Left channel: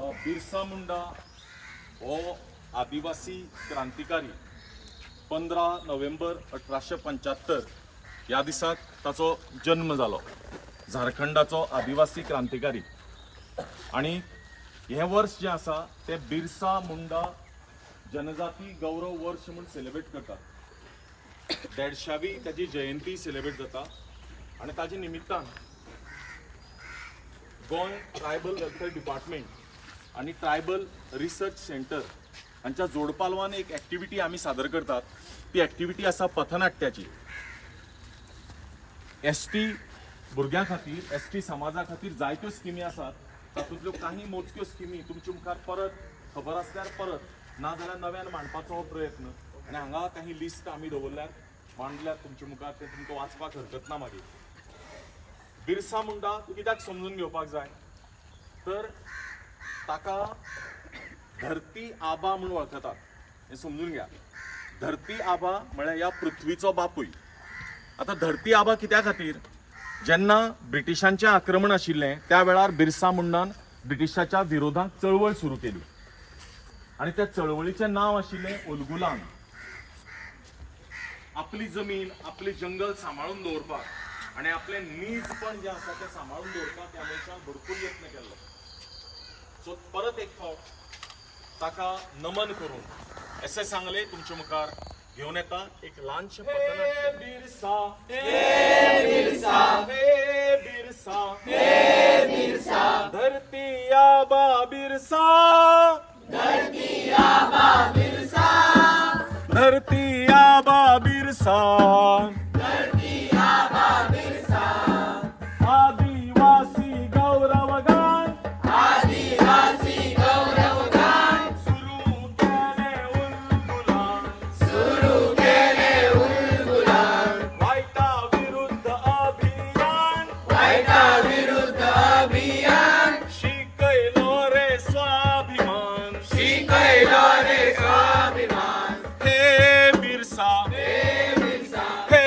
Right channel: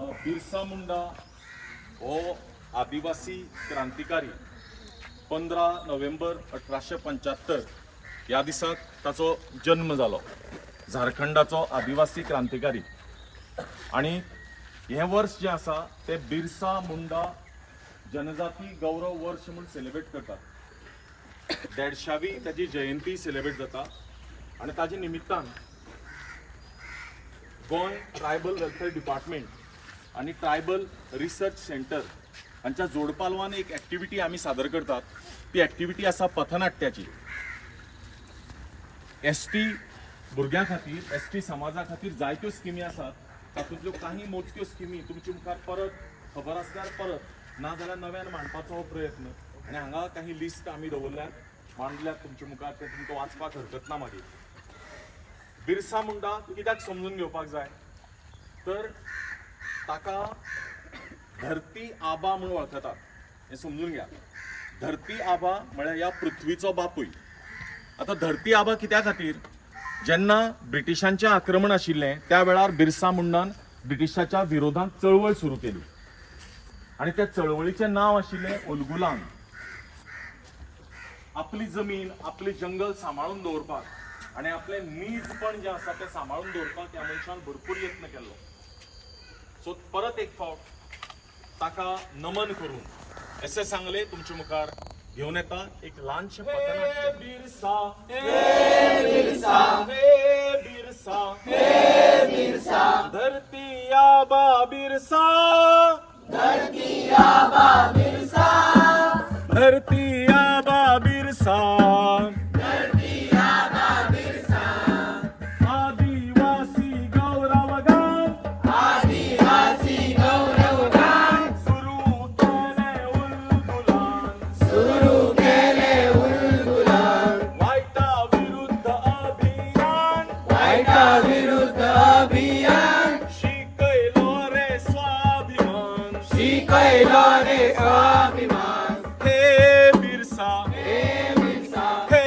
बिरसा मुंडा हो आदिवासी क्रांतिकारी 15 नोव्हेंबर 1875 या दिसाक ताचो जन्म जालो. झारखंडाचो आदिवासी क्रांतिकारी. आणि हे वर्ष जे आसा ते बिरसा मुंडा जनजाती गौरव वर्ष म्हणून सेलिब्रेट करतात. 150वी त्याची जयंती सेलिब्रेट जाता. आणि ताजे निमित्तान गोंय ट्रायबल वेलफेअर डिपार्टमेंट आणि ट्रायबल रिसर्च सेंटर हांच्या जोडपालवान एक ॲक्टिव्हिटी आम्ही सादर करतात. ती ॲक्टिव्हिटी आसा पथनाट्याची. एसटी भुरग्यां खातीर, एसटी समाजा खातीर जायत्यो स्किमी आसात. तातूंतल्यो काही मोजक्यो स्किमी तुमच्या मुखार परत खबर आसल्यार परत ना जाल्यार नव्यान मांडपाचो हो प्रयत्न. आणि हांगा काही लिस्ट आमी दवरल्यात, मांडल्यात तुमच्या मुखार. ते तुमकां वाचपाक हरकत ना. मागीर बिरसा मुंडा कित्याक समजून घेवपाक जाय तर ताका धरती आबा म्हणून वळखतात. हे समजून घ्या. धरती आबा म्हळ्यार ह्या पृथ्वीचो बापूय. आता धरती आबा कित्या खातीर, जेन्ना ब्रिटिशांचें आक्रमण आशिल्लें त्या वेळार बिरसा मुंडान ब्रिटिशाच्या विरोधात चळवळ सुरू केली. आणि त्या चळवळीचें नाव आशिल्लें उलगुलान. आपली जमीन, आपले जंगल सांबाळून दवरपाक आणि आपले नीजपण जे आसा ते सांबाळून दवरपाक ह्या मनशान भरपूर यत्न केल्लो. सो परत एक फावट ताका नमन करून असे सांगले तुमच्या मुखार घेऊन येता एक ल्हानशें पथनाट्य. बिरसा हे बिरसा हे बिरसा हे बिरसा धरती आबा बिरसा धरती आबा बिरसा धरती आबा बिरसा धरती आबा बिरसा आदिवासी गौरवगान आदिवासी गौरवगान सुरू केले उलगुलान वाईटा विरुद्ध अभियान वाईटा विरुद्ध अभियान शिकैलो रे स्वाभिमान शिकैलो रे स्वाभिमान. हे बिरसा हे बिरसा हे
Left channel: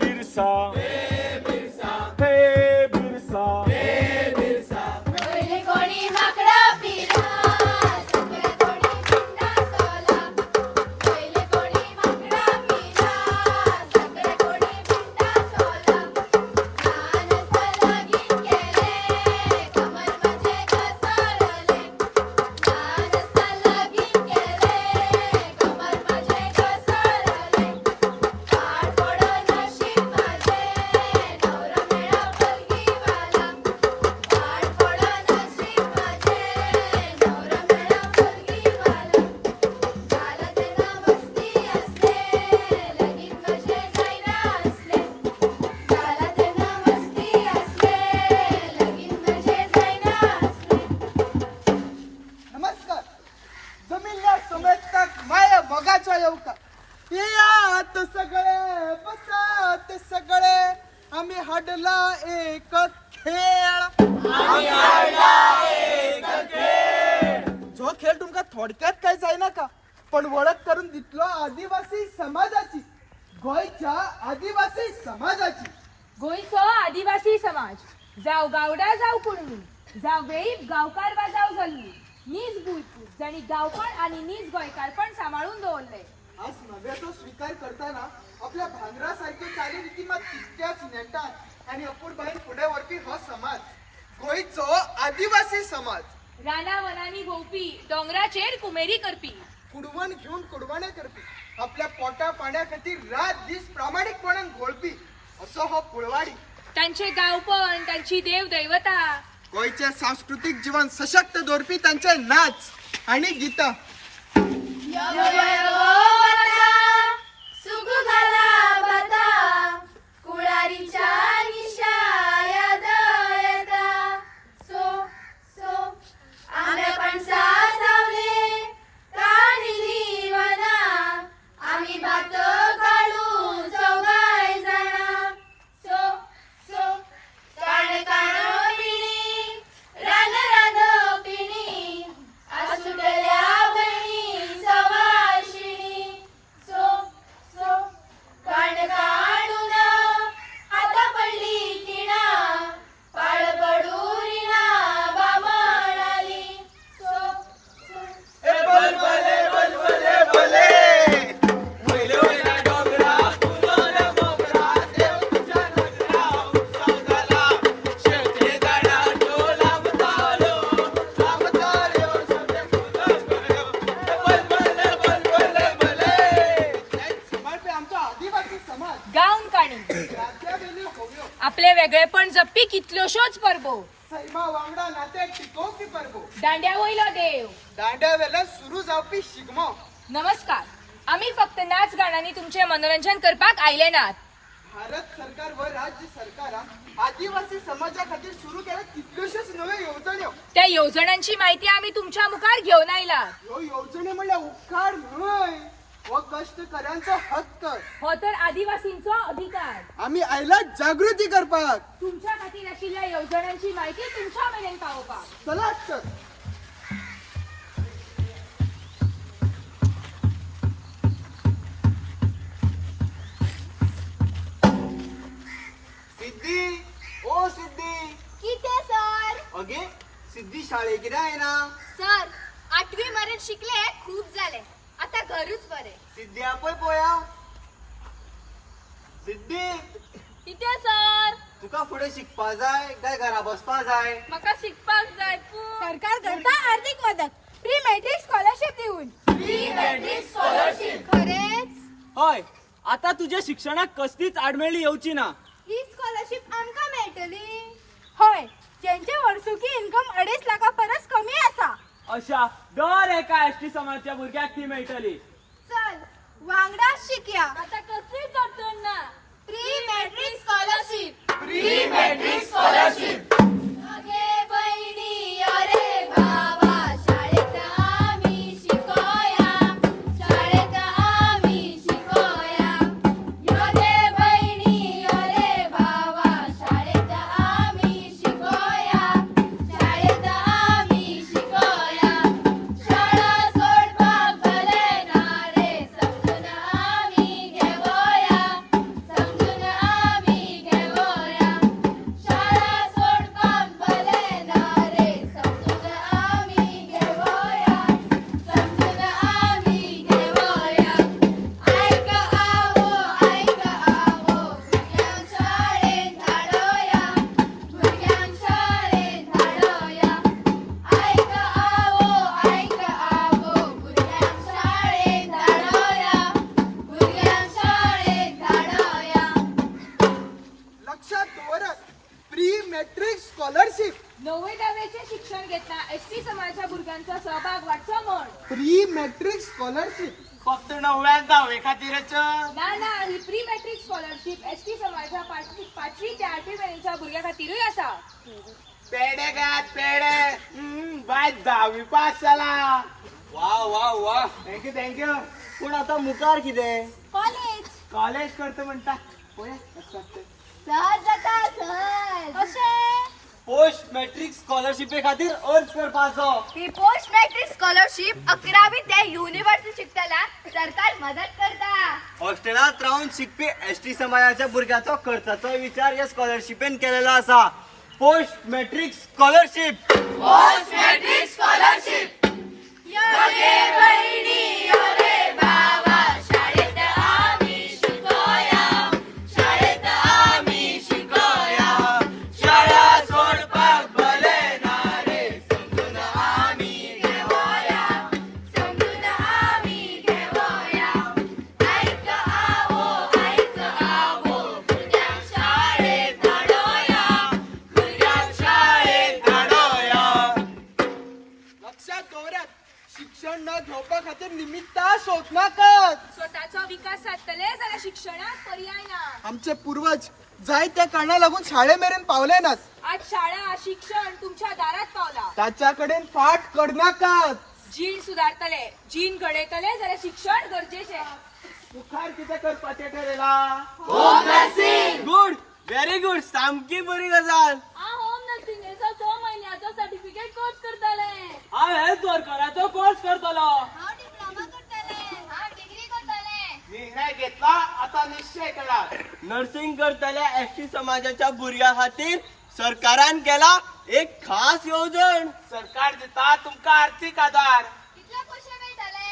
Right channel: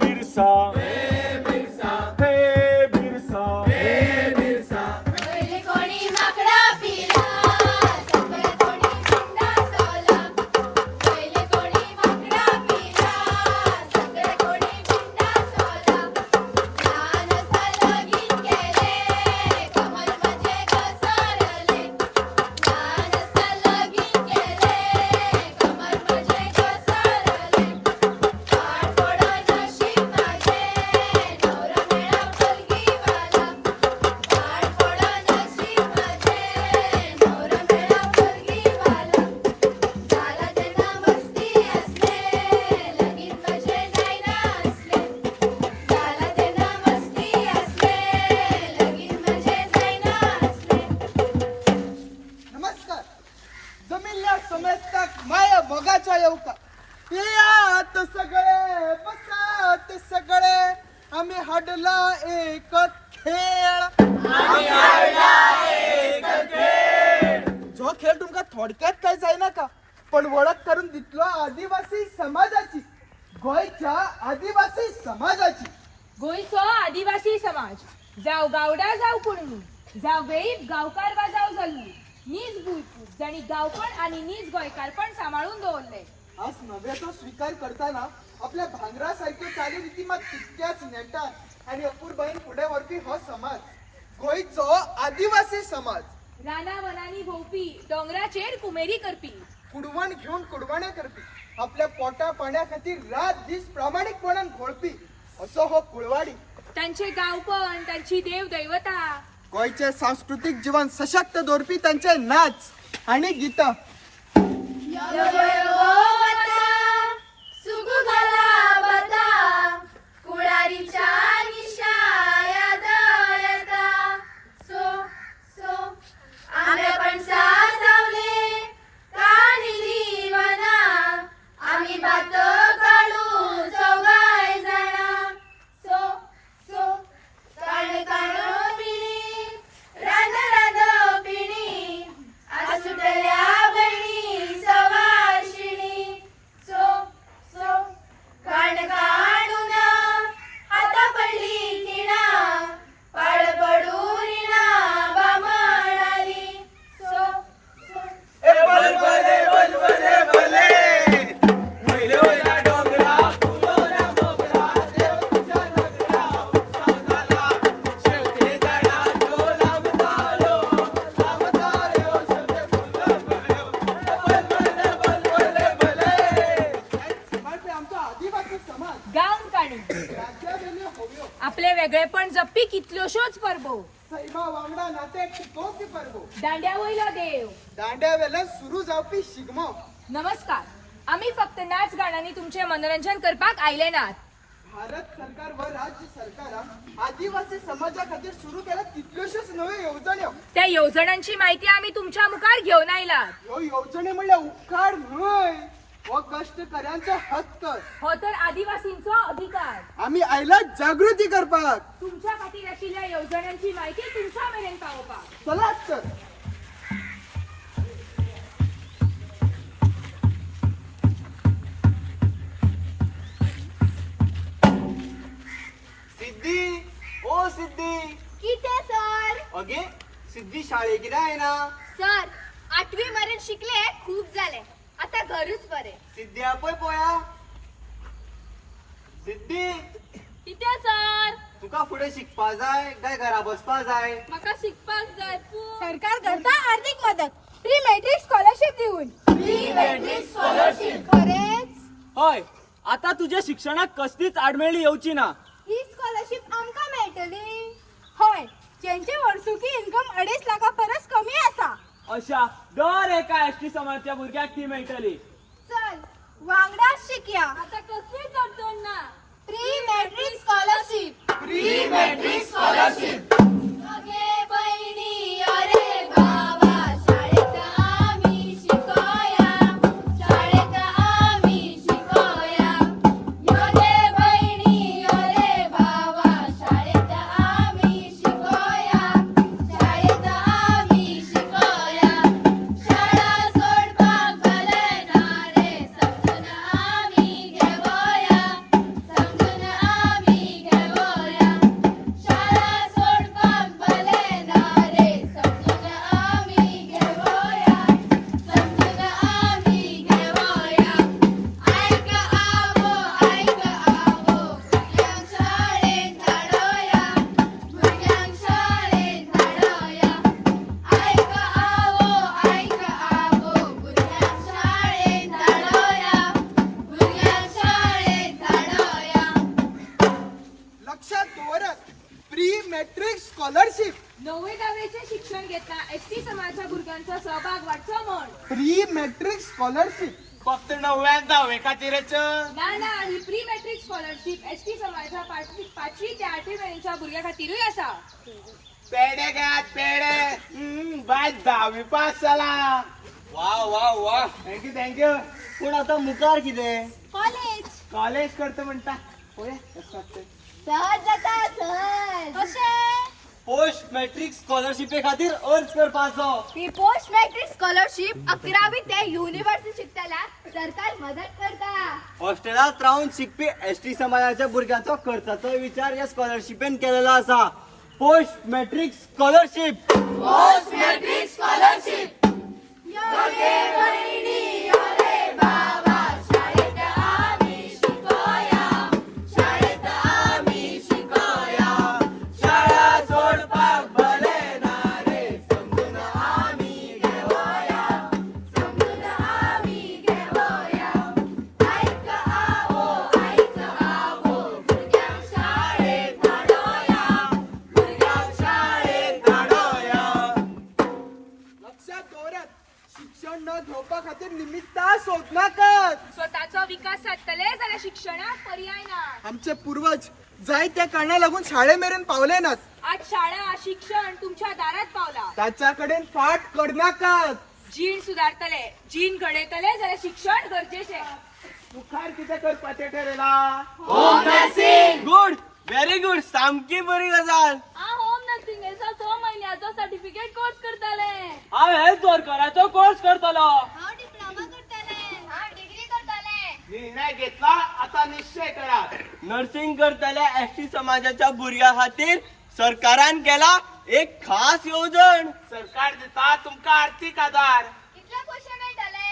बिरसा हे बिरसा हे बिरसा हे बिरसा. पहिले कोणी माकडा पिला सगळे कोणी पिंडा सोला. पहिले कोणी माकडा पिला सगळे कोणी पिंडा सोला. लहान लगीन केले कमर म्हणजे घसरले. लहान लगीन केले कमर म्हणजे घसरले. पाड पड नशीब माझे नवरा मेळा पलगीवाला. पाड पड नशीब माझे नवरा मेळा पलगीवाला. झाला त्यांना मस्ती असले लगीन कसे जायना असले. झाला त्यांना मस्ती असले लगीन कसे जायना असले. नमस्कार. जमिल्या समेतक माया बघाच्या येऊका यात सगळे बसत सगळे आम्ही हाडला एक खेळ. जो खेळ तुमका थोडक्यात काय जायना का, पण ओळख करून दितलो आदिवासी समाजाची, गोयच्या आदिवासी समाजाची. गोंयचो आदिवासी समाज जाव गावडा जाव कुणबी जाव वेळीप गावकार वा जाव जल्मी नीज भुईपूर जाणी गावपण आणि नीज गोंयकारपण सांबाळून दवरले. आज नव्याचा स्वीकार करताना आपल्या भांगरासारखे चालीरीती मात तितक्याच नेटात आणि अपूर्बाईन पुढे वरपी हो समाज, गोयचो आदिवासी समाज. राना वनानी भोवपी डोंगराचेर कुमेरी करपी कुडवण घेऊन कुडवणे करपी, आपल्या पोटा पाण्या खातीर रात दीस प्रामाणिकपणान घोळपी असो हो कुळवाडी. तांचे गावपण, तांची देव दैवता, गोयचे सांस्कृतिक जीवन सशक्त दवरपी तांचे नाच आणि गीता. सुगु घाला बता कुळारीच्या निशाया दयता. सो सो आम्ही पणसा सावले काढिली वना. आम्ही भात काढू चौघाय जाणा. सो सो काण काणो पिणी रान रान पिणी. सुटल्या बहिणी सवाशिणी. होयो आपले वेगळेपण जप्पी कितल्योशोच परबो सैमा वांगडा नाते टिकोवपी परबो दांड्या वयलो देव दांड्या वेल्यान सुरू जावपी शिगमो नमस्कार आम्ही फक्त नाच गाण्यांनी तुमचे मनोरंजन करपाक आयले नात भारत सरकार व राज्य सरकारान आदिवासी समाजा खातीर सुरू केल्या कितल्योशोच नव्यो येवजण्यो त्या योजनांची माहिती आम्ही तुमच्या मुखार घेऊन आयलात ह्यो येवजणी म्हणल्यार उपकार न्हय हो कष्टकऱ्यांचो हक्क हो तर आदिवासींचो अधिकार आम्ही आयला जागृती करपाक तुमच्या खातीर आशिल्ल्या योजनांची माहिती तुमच्या मेरेन पावोवपाक चलात तर सिद्धी ओ सिद्धी किते सर अगे सिद्धी शाळेक कितें येना सर 8वी मरेन शिकले खूप झाले आता घरूच बरे सिद्धी आपय पळया सिद्धी किते सर तुका फुडें शिकपा जाय काय घरा बसपा जाय म्हाका शिकपाक जाय सरकार करता आर्थिक मदत प्री मॅट्रिक स्कॉलरशिप दिवन खरेच हय आता तुझ्या शिक्षणाक कसलीच आडमेळी येवची ना ही स्कॉलरशिप आमकां मेळटली होय ज्यांचे वर्सुकी इन्कम 2.5 लाखा परस कमी आसा अशा दर एका एसटी समाजाच्या भुरग्याक ती मेळटली चल वांगडाच शिकया आता कसलीच अडचण ना प्री मॅट्रिक स्कॉलरशिप अगे बहिणी अरे भावा शाळेत आम्ही शिकोया शाळेत आम्ही शिकोया योगे बहिणी अरे भावा शाळेत आम्ही शिकोया शाळेत आम्ही शिकोया शाळा सोडपाक भले ना रे समजून आम्ही घेवया समजून आम्ही घेवया शाळा सोडपाक भले ना रे समजून आम्ही घेवया समजून आम्ही घेवया ऐक आवो भुरग्यांक शाळेत धाडोया भुरग्यांक शाळेत धाडोया ऐक आवो भुरग्यांक शाळेत धाडोया भुरग्यांक शाळेत धाडोया लक्षात दवरा प्री मॅट्रिक स्कॉलरशिप 9वी-10वीचे शिक्षण घेतना एसटी समाजाच्या भुरग्यांचा सहभाग वाढचो म्हण प्री मॅट्रिक स्कॉलरशिप फक्त 9व्या 10वे खातीरच ना ही प्री मॅट्रिक स्कॉलरशिप एसटी समाजाच्या 5वी ते 8वी पर्यंतच्या भुरग्यां खातीरूय आसा पेडे घेयात पेडे बाय 10वी पास जाला वा वा वा थँक्यू पूण आता मुखार कितें कॉलेज कॉलेज करता म्हणटा पळया कसं वाटतं. सहज जाता सहज कशें पोस्ट मॅट्रिक स्कॉलरशिपे खातीर अर्ज करपाचो ही पोस्ट मॅट्रिक स्कॉलरशिप 11वी ते युनिव्हर्सिटी शिकतल्या सरकार मदत करता हॉस्टेलात राहून शिकपी एसटी समाजाच्या भुरग्याचो खर्चाचो विचार या स्कॉलरशिपेन केलेलो आसा पोस्ट मॅट्रिक स्कॉलरशिप योगे बहिणी योगे भावा शाळेत आम्ही शिकोया शाळेत आम्ही शिकोया शाळा सोडपाक भले ना रे समजून आम्ही घेवया ऐक आवो भुरग्यांक शाळेत धाडोया भुरग्यांक शाळेत धाडोया लक्षात दवरात शिक्षण न घेवपा खातीर निमित्तां सोदनाकात स्वतःचो विकास साधतले जाल्यार शिक्षणाक पर्याय ना आमचे पूर्वज जाय त्या कारणां लागून शाळे मेरेन पावले नात आज शाळा शिक्षण तुमच्या दारात पावला ताच्या कडेन फाट करनाकात जीण सुदारतले जीण घडयतले जाल्यार शिक्षण गरजेचे मुखार कितें करपाचें ठरयला गुड व्हेरी गुड सामकी बरी गजाल होम नर्सिंगेचो 6 म्हयन्याचो सर्टिफिकेट कोर्स करतले हांव हेल्थ वर्कराचो कोर्स करतलो हांव डिप्लोमा करतले हांव डिग्री करतले निर्णय घेतला आता निश्चय करा नर्सिंग करतल्या एसटी समाजाच्या भुरग्या खातीर सरकारान केला एक खास योजन सरकार दिता तुमका आर्थिक आधार कितले पैसे मेळटले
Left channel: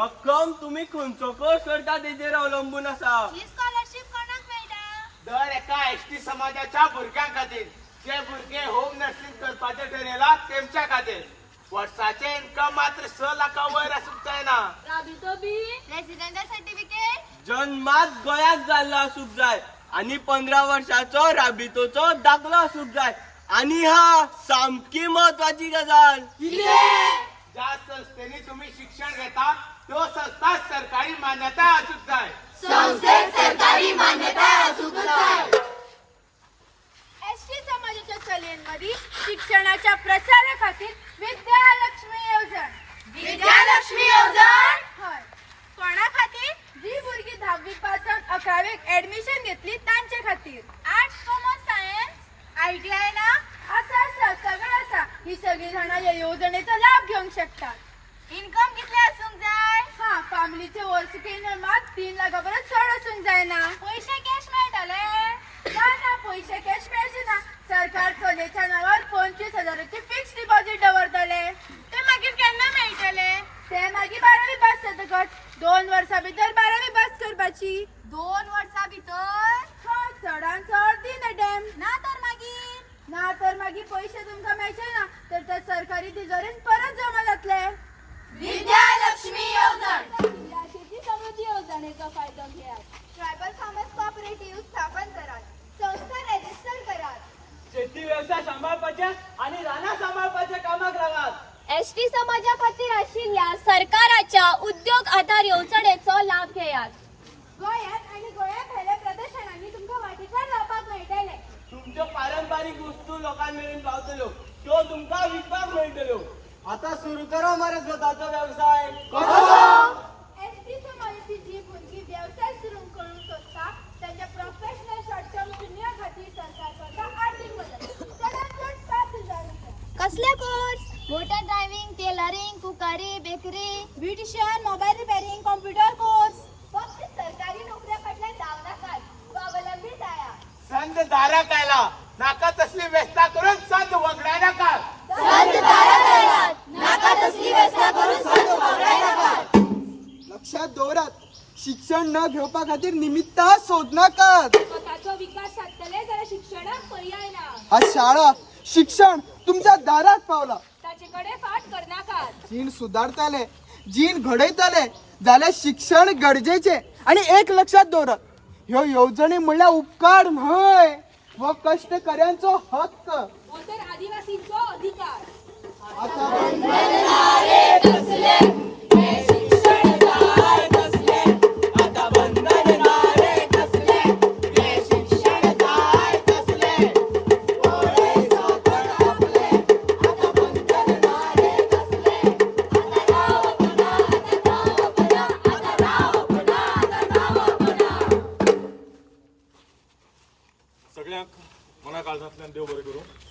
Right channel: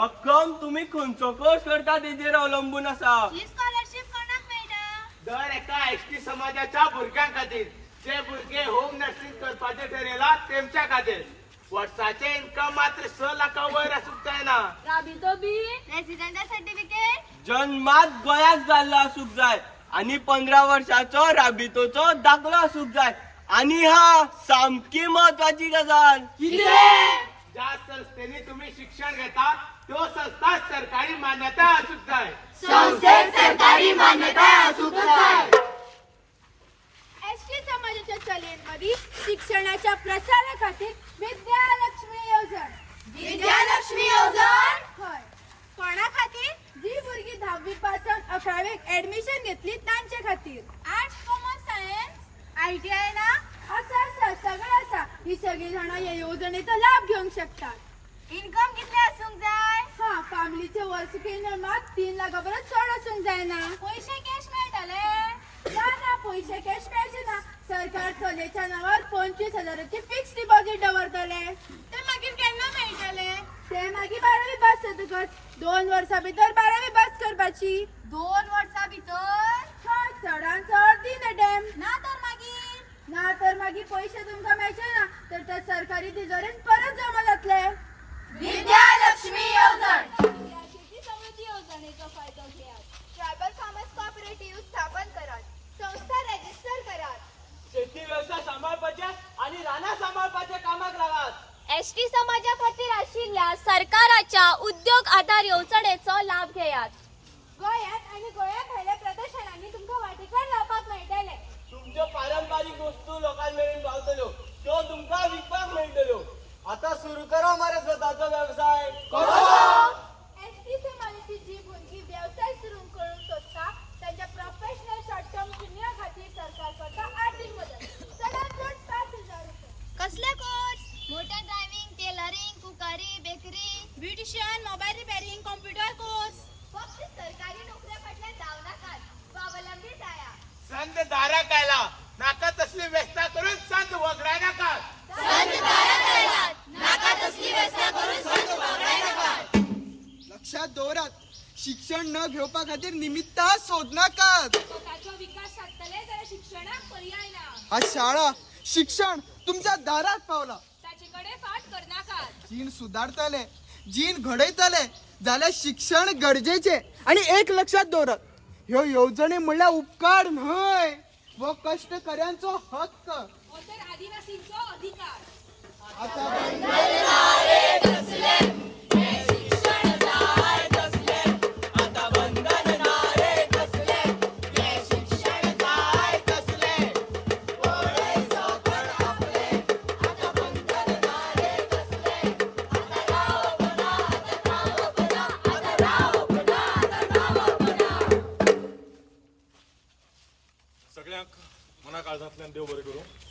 रक्कम तुम्ही खंयचो कोर्स करता तेजेर अवलंबून आसा ही स्कॉलरशिप कोणाक मेळटा दर एका एसटी समाजाच्या भुरग्यां खातीर जे भुरगे होम नर्सिंग करपाचे ठरयला तेमच्या खातीर वर्षाचे इन्कम मात्र 6 लाखा वयर आसूंक जायना राबितो बी रेसिडेंटल सर्टिफिकेट जन्मात गोंयात जाल्लो आसूंक जाय आणि 15 वर्षाचो राबितोचो दाखलो असूक जाय. आणि हा सामकी महत्वाची गजाल. ज्या संस्थेने तुम्ही शिक्षण घेता तो संस्था सरकारी मान्यता असूक जाय. एसटी समाजाच्या चळवळीमध्ये शिक्षणाच्या प्रसाराखातीर विद्यालक्ष्मी योजन होय. कोणा खातीर? जी भुरगीं 10वी पासून 11वीक ऍडमिशन घेतली तांचे खातीर. आर्ट्स, कॉमर्स, सायन्स, ITI ना असा सगळं असा. ही सगळी जाणां या योजनेचा लाभ घेऊन शकतात. इन्कम कितले असूंक जाय? हा, फॅमिलीचे वर्सुकी इनकमात 3 लाखापर्यंत चढ असूंक जाय ना. पैसे कॅश मेळटले? ना पैसे कॅश मेळचे ना. सरकार चलयेच्या नावार 25,000ची फिक्स डिपॉझिट दवरतले. ते मागीर केन्ना मेळटले? ते मागीर 12वी पास जातकच 2 वर्सां भितर 12वी पास करपाची. 2 वर्सां भितर? हा, चडान चड दिन डॅम. ना तर मागीर पैसे तुमकां मेळचे ना तर ते सरकारी तिजोरीन परत जमा जातले. विद्यालक्ष्मी योजन. शेती समृद्धी योजनेचो फायदो घेयात. ट्रायबल फार्मर्स कोऑपरेटिव्ह स्थापन करात. संस्था रजिस्टर करात. शेती व्यवसाय सांभाळपाचे आणि राना सांभाळपाचे कामाक लागात. एसटी समाजा खातीर आशिल्ल्या सरकाराच्या उद्योग आधार योजनेचो लाभ घेयात. गोंयांत आणि गोंया भायल्या प्रदर्शनांनी तुमकां वाटेकार रावपाक मेळटले. तुमच्यो पारंपरिक वस्तू लोकांक मेळून पावतल्यो तो तुमकां विकपाक मेळटल्यो. आता सुरू करा मरे स्वतःचो व्यवसाय. एसटी समाजाची जी भुरगीं व्यवसाय सुरू करूंक सोदता त्यांच्या प्रोफेशनल शॉर्ट टर्म शून्य खातीर सरकार करता आर्थिक मदत. चडांत चड 5,000 रुपया. कसले course? Motor driving, tailoring, cookery, bakery, beautician, mobile repairing, computer course. फक्त सरकारी नोकऱ्या फाटल्यान धांवनाकात. स्वावलंबी जाया. संत दाराक आयला. नाका तसली व्यवस्था करून संत वगडाय नाका. लक्षात दवरात, शिक्षण न घेवपा खातीर निमित्त सोदनाकात. स्वतःचो विकास साधतले जाल्यार शिक्षणाक पर्याय ना. हा शाळा शिक्षण तुमच्या दारात पावला. ताचेकडे फाट करनाकात. जीण सुदारतले, जीण घडयतले जाल्यार शिक्षण गरजेचे. आणि एक लक्षात दवरात, ह्यो योजने म्हणल्यार उपकार न्हय, व कष्टकऱ्यांचो हक्क. हो तर आदिवासींचो अधिकार. आता